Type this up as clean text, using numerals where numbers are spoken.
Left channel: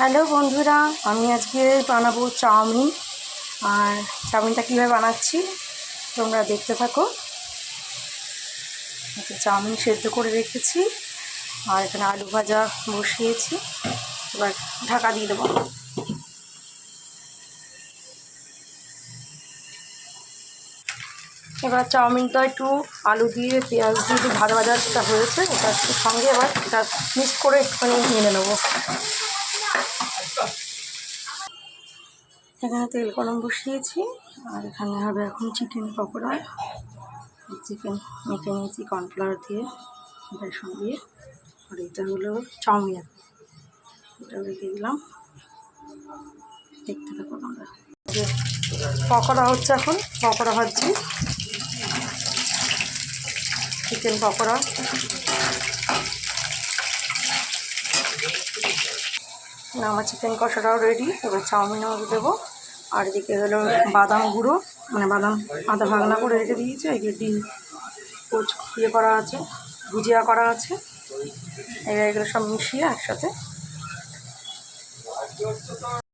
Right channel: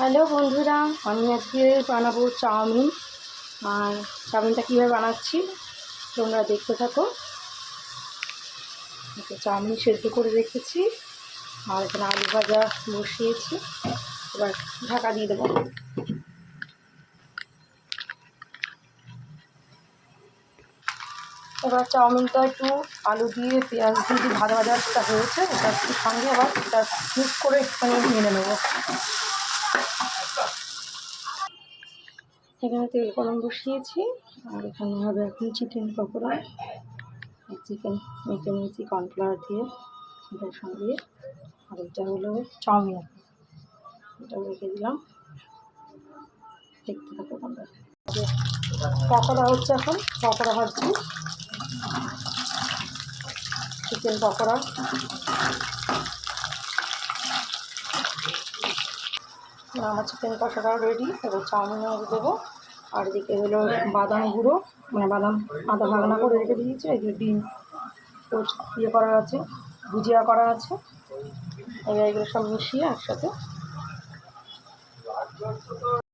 Hello বন্ধুরা, আমি আজকে বানাবো চাউমিন। আর চাউমিনটা কীভাবে বানাচ্ছি তোমরা দেখতে থাকো। চাউমিন সেদ্ধ করে রেখেছি আর এখানে আলু ভাজা বসিয়েছি। এবার ঢাকা দিয়ে দেবো। এবার চাউমিনটা একটু আলু দিয়ে পেঁয়াজ দিয়ে একটু ভাজা ভাজাটা হয়েছে, ওটার সঙ্গে এবার এটা মিক্স করে একটুখানি নিয়ে নেবো। এখানে তেল গরম বসিয়েছি আর এখানে হবে এখন চিকেন পকোড়া। চিকেন মেখে নিয়েছি কর্নফ্লাওয়ার দিয়ে, বেসন দিয়ে। আর এটা হলো চাউমিন, এটাও রেখে দিলাম। দেখতে থাকো তোমরা। পকোড়া হচ্ছে, এখন পকোড়া ভাজছি, চিকেন পকোড়া। আমার চিকেন কষাটাও রেডি, এবার চাউমিনও দেবো। আর এদিকে হলো বাদাম গুঁড়ো, মানে বাদাম আধা ভাগনা করে রেখে দিয়েছি। এগুলো ডিম ইয়ে করা আছে, ভুজিয়া করা আছে। এবার এগুলো সব মিশিয়ে একসাথে